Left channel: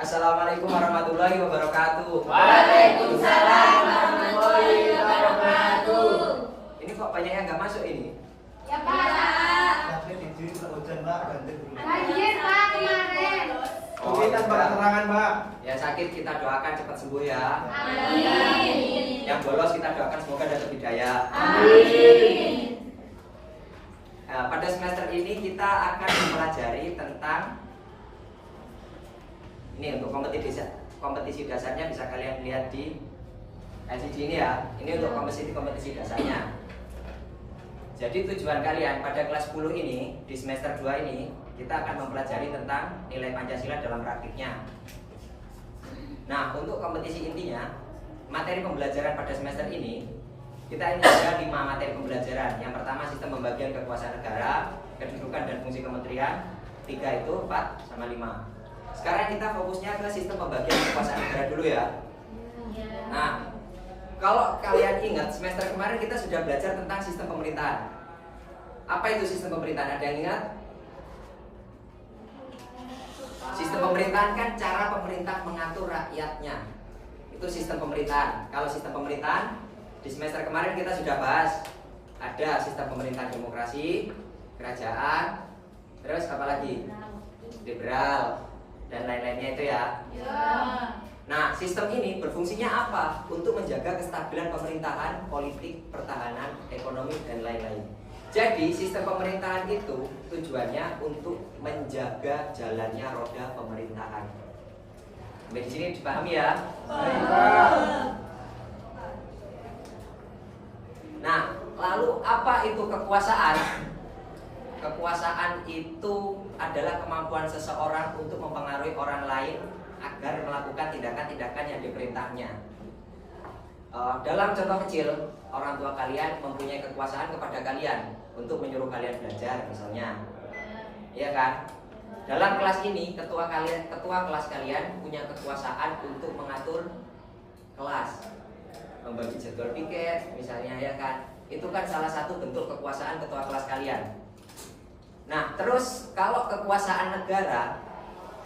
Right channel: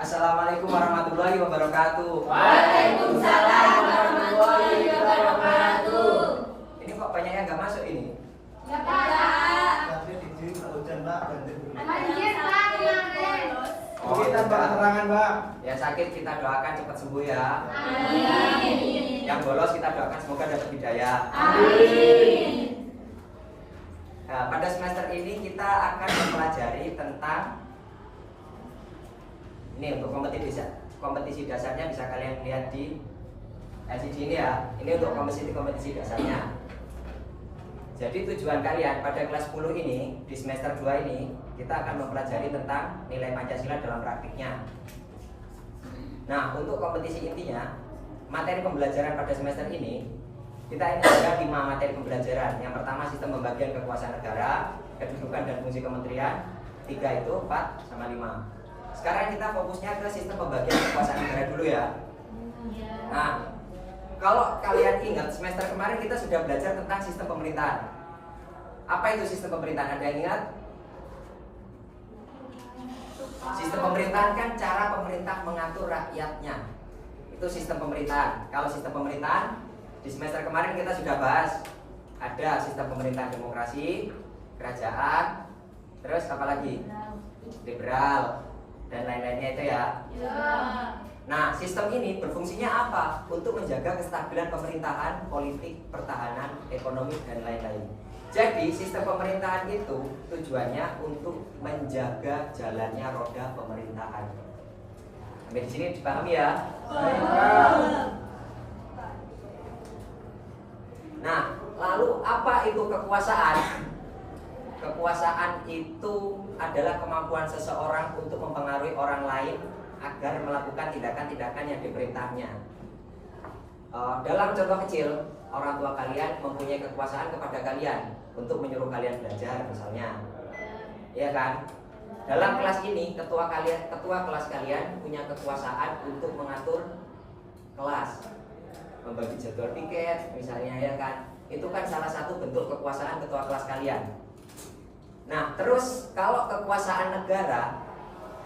Assalamualaikum warahmatullahi wabarakatuh. Waalaikumsalam warahmatullahi wabarakatuh. Ini kok banyak yang nggak masuk ini? Ya Pak. Banjir hujan Pak, banjir dulu. Banjir Pak kemarin. Kita keterangan Pak. Ya sakit kita doakan cepat sembuh ya. Amin. Yang bolos kita doakan semoga dapat hidayah. Amin. Nah, pada semester ini kita akan mempelajari tentang ini untuk kompetisi dasarnya bisa kalian lihat di LCD ini ya. Ini untuk kompetisi dasarnya. Jadi tujuan kalian pada kelas 10 ini di semester 2 ini kita akan mempelajari tentang nilai Pancasila dalam praktiknya. Nah, untuk kompetisi intinya materi pembelajaran pada semester ini kita ini ada 5 materi pembelajaran. Yang pertama sistem pembagian kekuasaan negara, kedudukan dan fungsi kementerian. 3 itu 4 sama 5. Sekarang kita fokusnya ke sistem pembagian kekuasaan negara dulu ya. Nah, kalau kalian ingat semester kemarin kita sudah belajar tentang sistem pemerintahan. Apa itu sistem pemerintahan? Ada yang ingat? Sistem pemerintahan kan cara pemerintah mengatur rakyatnya. Itu sistem pemerintahan. Kalau sistem pemerintahan di semester kemarin kita sudah bahas. Ada sistem pemerintahan demokrasi, kerajaan, terus apa lagi? Liberal dan lain-lainnya itu ya. Nah, sistem ini berfungsinya apa? Untuk menjaga kestabilan pemerintahan, politik, pertahanan, ekonomi, dan lain-lain. Jadi, sistem pemerintahan itu tujuannya untuk menjaga jalannya roda pemerintahan. Sampai di sini dipahami ya? Nah, lalu apa itu kekuasaan? Kekuasaan itu adalah kemampuan seseorang untuk mempengaruhi orang lain agar melakukan tindakan-tindakan yang diperintahnya. Dalam contoh kecil, orang tua kalian mempunyai kekuasaan kepada kalian untuk menyuruh kalian belajar misalnya, ya kan? Dalam kelas ini ketua kelas kalian punya kekuasaan untuk mengatur kelas, membagi jadwal piket misalnya, ya kan? Itu kan salah satu bentuk kekuasaan ketua kelas kalian. Nah, terus kalau kekuasaan negara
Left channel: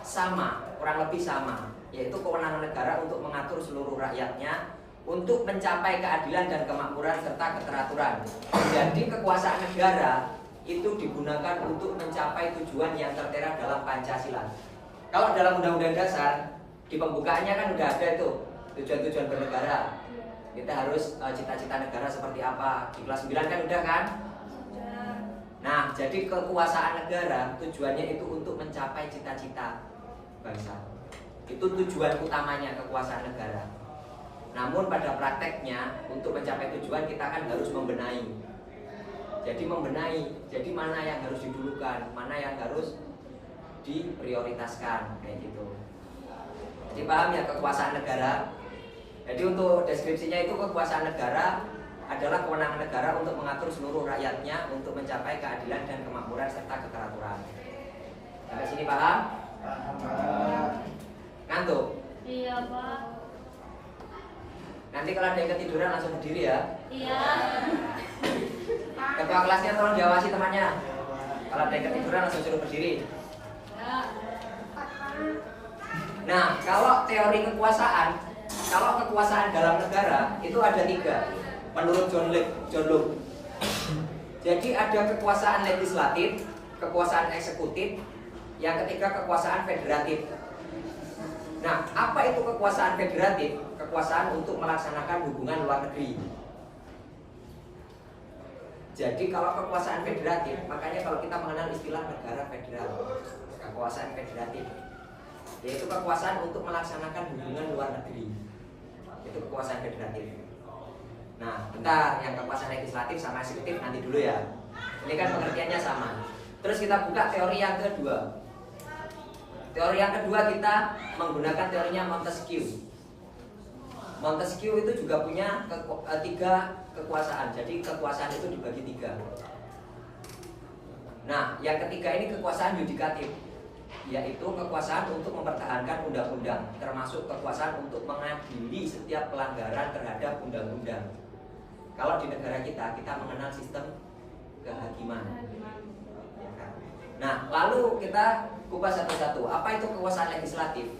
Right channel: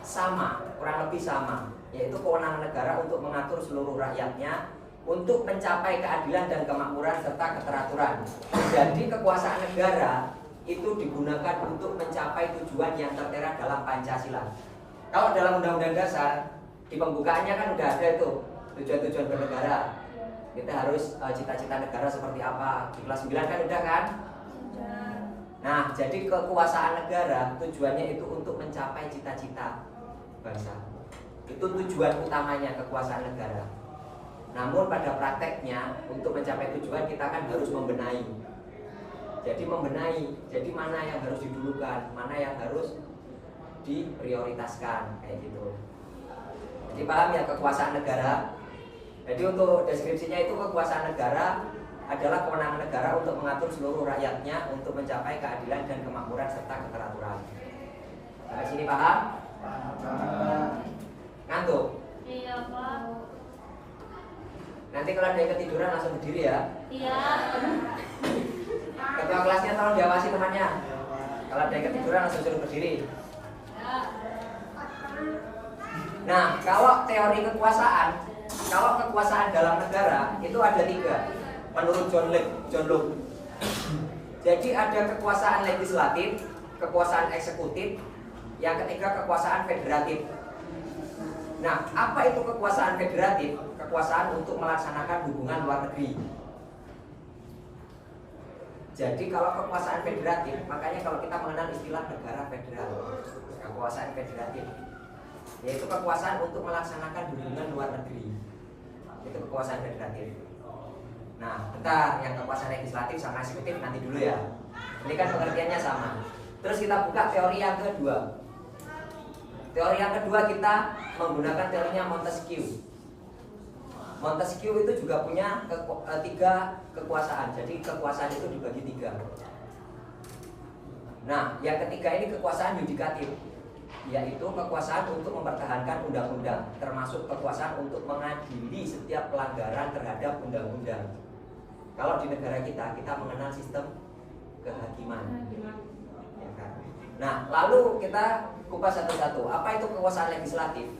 sama, kurang lebih sama, yaitu kewenangan negara untuk mengatur seluruh rakyatnya untuk mencapai keadilan dan kemakmuran serta keteraturan. Jadi kekuasaan negara itu digunakan untuk mencapai tujuan yang tertera dalam Pancasila. Kalau dalam Undang-Undang Dasar di pembukaannya kan udah ada itu tujuan-tujuan bernegara. Kita harus cita-cita negara seperti apa. Di kelas 9 kan udah kan? Nah, jadi kekuasaan negara tujuannya itu untuk mencapai cita-cita bangsa. Itu tujuan utamanya kekuasaan negara. Namun pada prakteknya untuk mencapai tujuan kita kan harus membenahi. Jadi membenahi, jadi mana yang harus didulukan, mana yang harus diprioritaskan, kayak gitu. Jadi paham ya kekuasaan negara? Jadi untuk deskripsinya itu kekuasaan negara adalah kewenangan negara untuk mengatur seluruh rakyatnya untuk mencapai keadilan dan kemakmuran serta keteraturan. Sampai sini paham? Ngantuk? Iya Pak. Nanti kalau ada yang ketiduran langsung berdiri ya. Iya. Ketua kelasnya tolong diawasi temannya. Kalau ada yang ketiduran langsung suruh berdiri. Nah, kalau teori kekuasaan, kalau kekuasaan dalam negara itu ada 3 menurut John Locke. Jadi ada kekuasaan legislatif, kekuasaan eksekutif, yang ketiga kekuasaan federatif. Nah, apa itu kekuasaan federatif? Kekuasaan untuk melaksanakan hubungan luar negeri. Jadi kalau kekuasaan federatif, makanya kalau kita mengenal istilah negara federal, kekuasaan federatif, yaitu kekuasaan untuk melaksanakan hubungan luar negeri. Itu kekuasaan federatif. Nah, bentar, yang kekuasaan legislatif sama eksekutif nanti dulu ya. Ini kan pengertiannya sama. Terus kita buka teori yang kedua. Teori yang kedua kita menggunakan teorinya Montesquieu. Montesquieu itu juga punya 3 kekuasaan. Jadi kekuasaan itu dibagi 3. Nah, yang ketiga ini kekuasaan yudikatif, yaitu kekuasaan untuk mempertahankan undang-undang, termasuk kekuasaan untuk mengadili setiap pelanggaran terhadap undang-undang. Kalau di negara kita mengenal sistem kehakiman. Ya kan? Nah, lalu kita kupas satu-satu. Apa itu kekuasaan legislatif?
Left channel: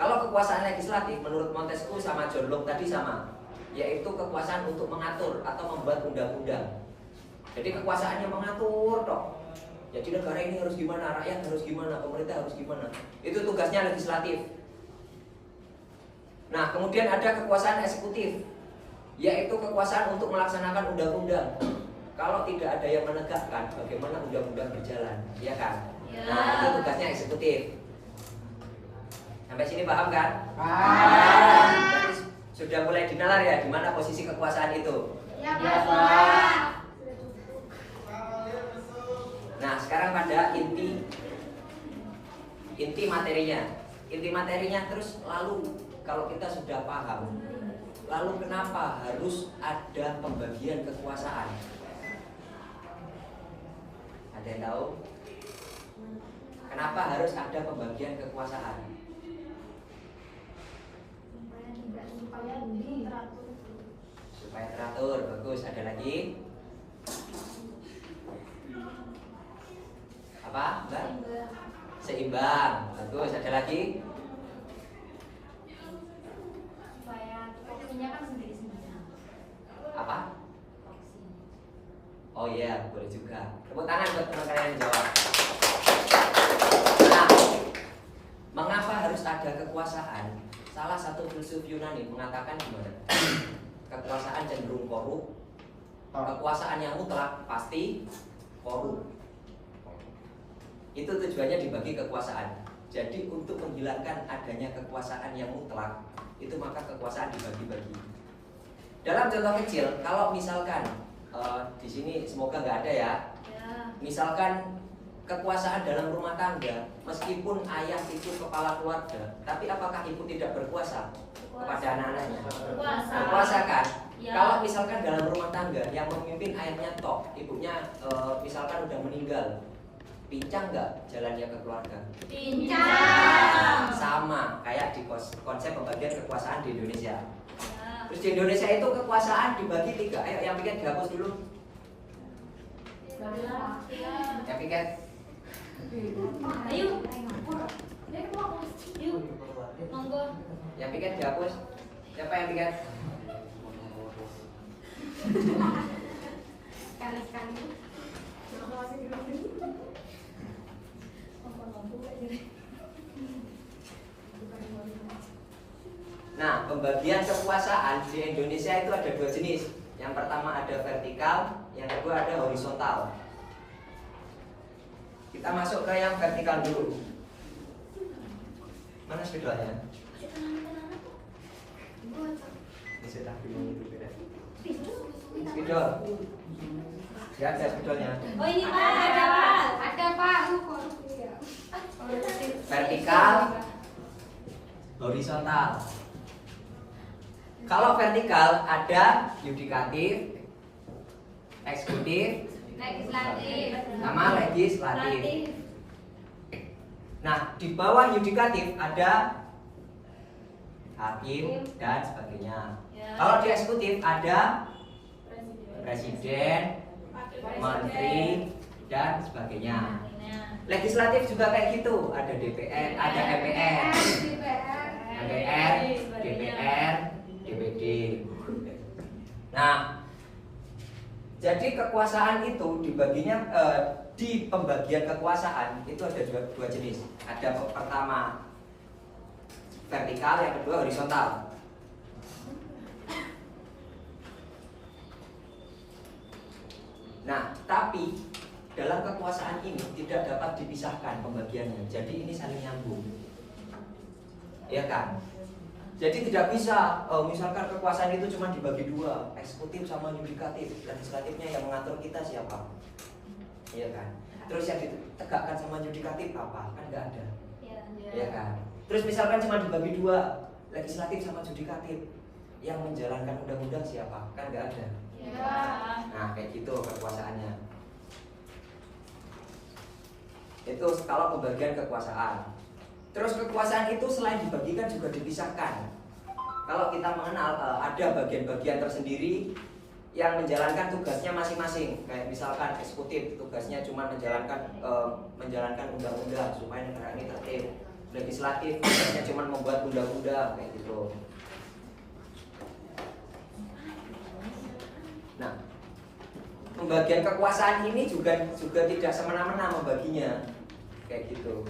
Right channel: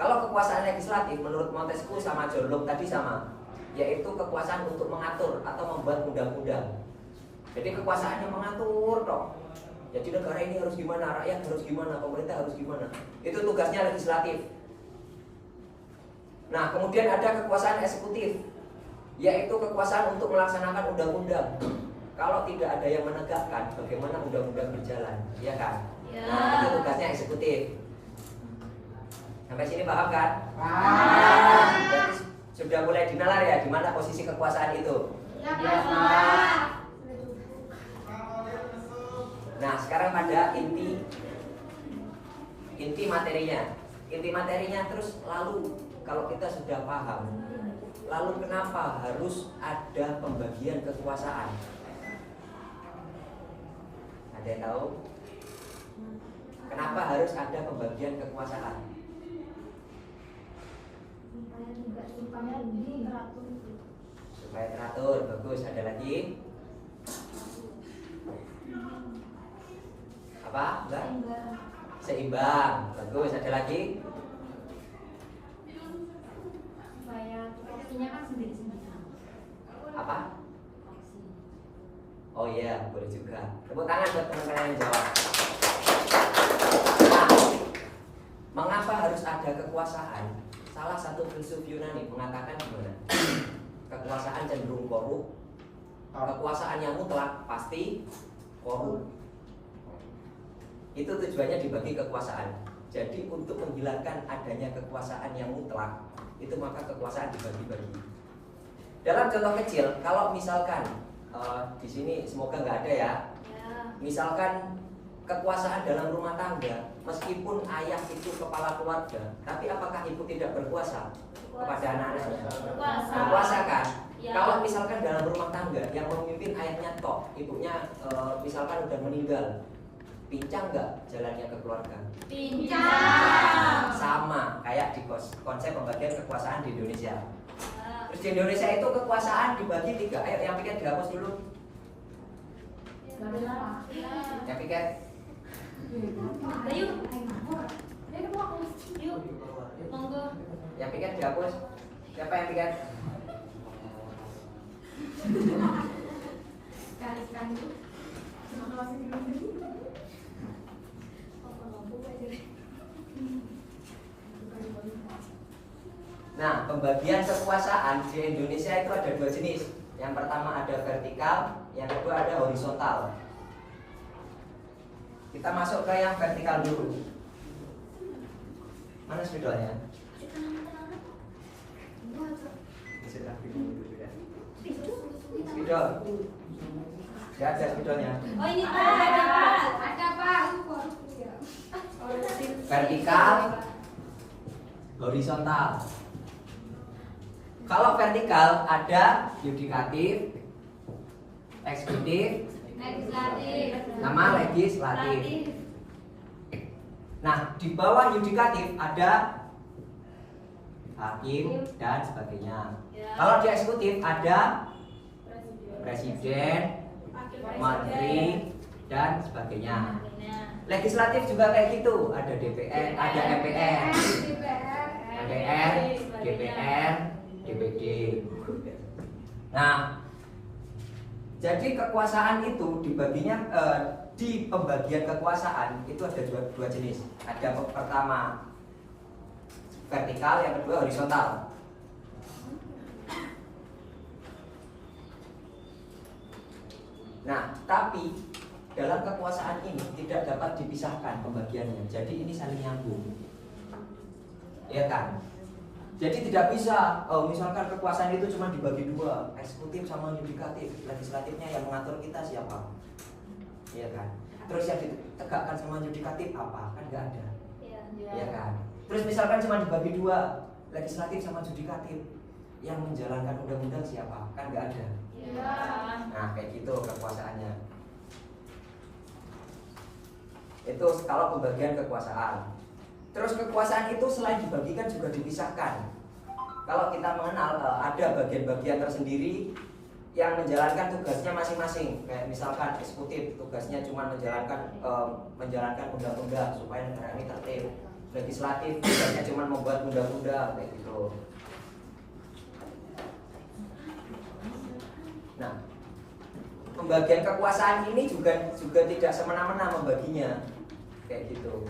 Kalau kekuasaan legislatif menurut Montesquieu sama John Locke tadi sama, yaitu kekuasaan untuk mengatur atau membuat undang-undang. Jadi kekuasaannya mengatur toh. Jadi negara ini harus gimana, rakyat harus gimana, pemerintah harus gimana. Itu tugasnya legislatif. Nah, kemudian ada kekuasaan eksekutif, yaitu kekuasaan untuk melaksanakan undang-undang. Kalau tidak ada yang menegakkan, bagaimana undang-undang berjalan, ya kan? Ya. Nah, itu tugasnya eksekutif. Sampai sini paham kan? Berarti sudah mulai dinalar ya, di mana posisi kekuasaan itu. Ya, Pak. Nah, sekarang pada inti materinya. Inti materinya terus lalu kalau kita sudah paham, lalu kenapa harus ada pembagian kekuasaan? Ada yang tahu? Kenapa harus ada pembagian kekuasaan? Supaya teratur, bagus. Ada lagi? Apa? Enggak? Seimbang. Bagus. Ada lagi? Supaya porsinya kan sendiri-sendiri. Apa? Oh iya, boleh juga. Tepuk tangan buat teman-teman yang jawab. Nah, mengapa harus ada kekuasaan? Salah satu filsuf Yunani mengatakan gimana? Kekuasaan cenderung korup. Kekuasaan yang mutlak pasti korup. Itu tujuannya dibagi kekuasaan. Jadi untuk menghilangkan adanya kekuasaan yang mutlak, itu maka kekuasaan dibagi-bagi. Dalam contoh kecil, kalau misalkan di sini semoga nggak ada ya. Ya. Misalkan kekuasaan dalam rumah tangga, meskipun ayah itu kepala keluarga, tapi apakah ibu tidak berkuasa kepada anak-anaknya? Berkuasa. Berkuasa kan? Ya. Kalau misalkan dalam rumah tangga yang memimpin ayahnya tok, ibunya misalkan udah meninggal, pincang nggak jalannya ke keluarga? Pincang. Sama kayak di konsep pembagian kekuasaan di Indonesia. Ya. Terus di Indonesia itu kekuasaan dibagi 3. Ayo yang piket dihapus dulu. Yang piket. Ayo. Yuk. Monggo. Yang piket dihapus. Siapa yang piket? Nah, pembagian kekuasaan di Indonesia itu ada 2 jenis. Yang pertama ada vertikal, yang kedua ada horizontal. Kita masuk ke yang vertikal dulu. Mana spidolnya? Ini sudah dulu ya. Spidol. Ya, ada spidolnya. Oh, ini Pak, ada Pak. Ada Pak. Vertikal, horizontal. Kalau vertikal ada yudikatif, eksekutif, Legislatif. sama legislatif. Nah, di bawah yudikatif ada hakim dan sebagainya. Ya. Kalau di eksekutif ada presiden, menteri dan sebagainya. Nah. Legislatif juga kayak gitu, ada DPR, ada MPR, MPR, DPR, DPD. Nah, jadi kekuasaan itu dibaginya di pembagian kekuasaan itu ada dua jenis. Ada pertama vertikal, yang kedua horizontal. Nah, tapi dalam kekuasaan ini tidak dapat dipisahkan pembagiannya. Jadi ini saling nyambung, ya kan? Jadi tidak bisa, misalkan kekuasaan itu cuma dibagi 2, eksekutif sama yudikatif. Legislatifnya yang mengatur kita siapa? Iya kan? Terus yang ditegakkan sama yudikatif apa? Kan nggak ada, ya kan? Terus misalkan cuma dibagi 2, legislatif sama yudikatif, yang menjalankan undang-undang siapa? Kan nggak ada. Ya. Nah, kayak gitu kekuasaannya. Itu kalau pembagian kekuasaan. Terus kekuasaan itu selain dibagikan juga dipisahkan. Kalau kita mengenal ada bagian-bagian tersendiri yang menjalankan tugasnya masing-masing. Kayak misalkan eksekutif tugasnya cuma menjalankan undang-undang supaya negara ini tertib. legislatif tugasnya cuma membuat undang-undang kayak gitu. Nah, pembagian kekuasaan ini juga tidak semena-mena membaginya kayak gitu.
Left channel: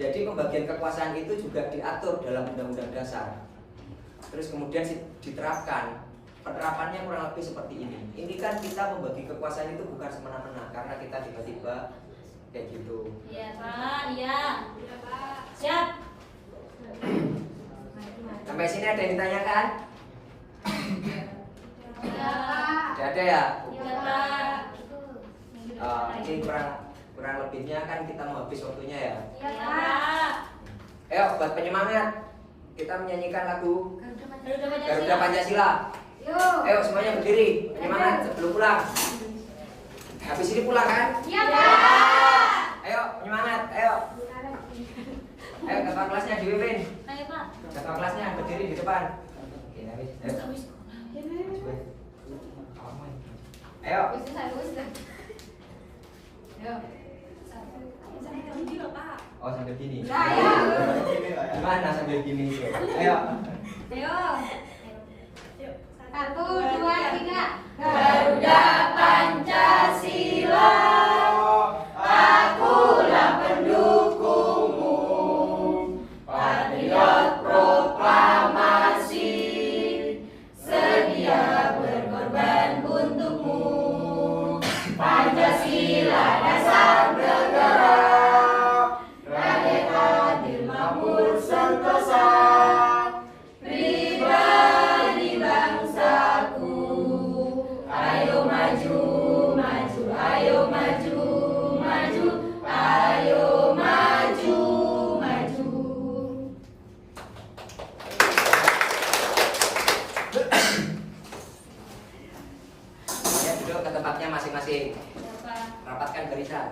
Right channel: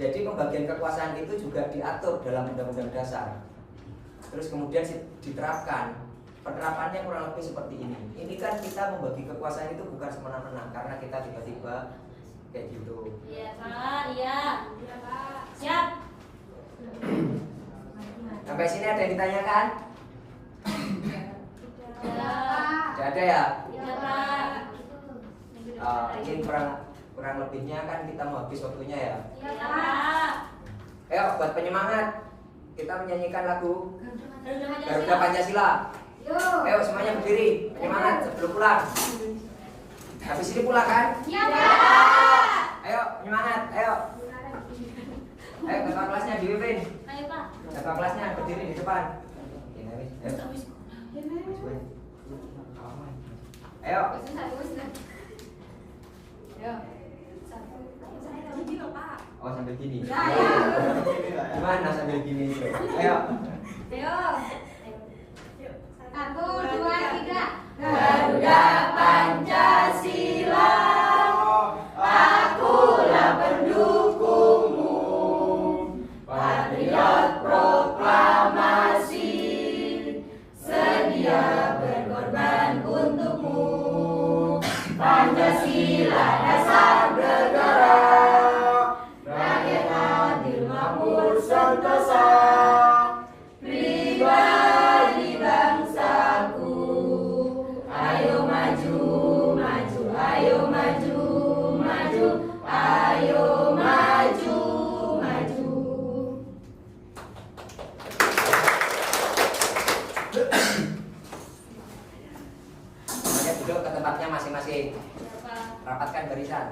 Jadi pembagian kekuasaan itu juga diatur dalam Undang-Undang Dasar. Terus kemudian diterapkan. Penerapannya kurang lebih seperti ini. Ini kan kita membagi kekuasaan itu bukan semena-mena karena kita tiba-tiba kayak gitu. Iya Pak, iya. Iya Pak. Siap. Sampai sini ada yang ditanyakan? Iya. Tidak ada ya? Iya Pak. Mungkin kurang lebihnya kan kita mau habis waktunya ya. Iya Pak. Ayo buat penyemangat kita menyanyikan lagu Garuda Garuda Pancasila. Yuk. Ayo semuanya berdiri penyemangat sebelum pulang. Habis ini pulang kan? Iya Pak. Ayo penyemangat, ayo. Ayo ketua kelasnya dipimpin. Ayo Pak. Ketua kelasnya berdiri di depan. Oke, ayo. Ayo. Oh sambil gini. Ya, ya. Gimana sambil gini? Ayo. Ayo. 1, 2, 3. Garuda Pancasila, akulah pendukungmu, patriot proklamasi, sedia berkorban untukmu. Pancasila dasar negara, rakyat adil makmur sentosa, pribadi bangsaku. Ayo maju, maju, ayo maju, maju, ayo maju, maju. Semuanya duduk ke tempatnya masing-masing. Ya Pak. Rapatkan barisan,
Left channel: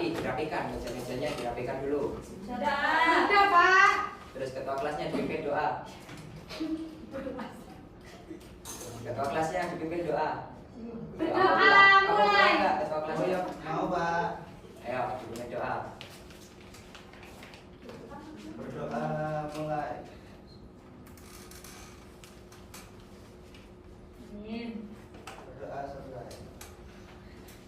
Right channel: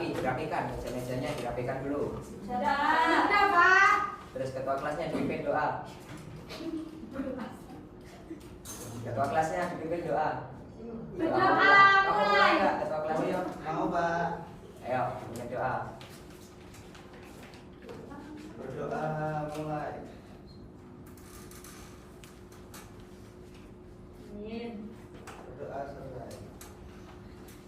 dirapikan, meja-mejanya dirapikan dulu. Sudah Pak. Terus ketua kelasnya dipimpin doa. Ketua kelasnya dipimpin doa. Berdoa mulai. Enggak, ketua kelasnya yuk. Mau Pak. Ayo, dipimpin doa. Berdoa mulai. Amin. Berdoa selesai.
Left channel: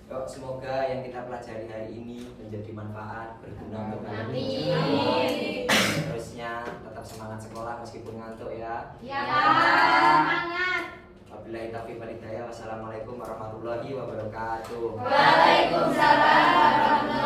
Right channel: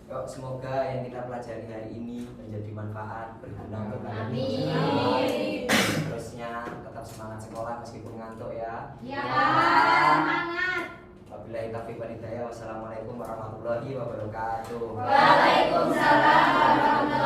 Yuk, semoga yang kita pelajari hari ini menjadi manfaat, berguna untuk kalian. Amin. Terusnya tetap semangat sekolah meskipun ngantuk ya. Ya, semangat. Wabillahi taufiq wal hidayah. Wassalamualaikum warahmatullahi wabarakatuh. Waalaikumsalam warahmatullahi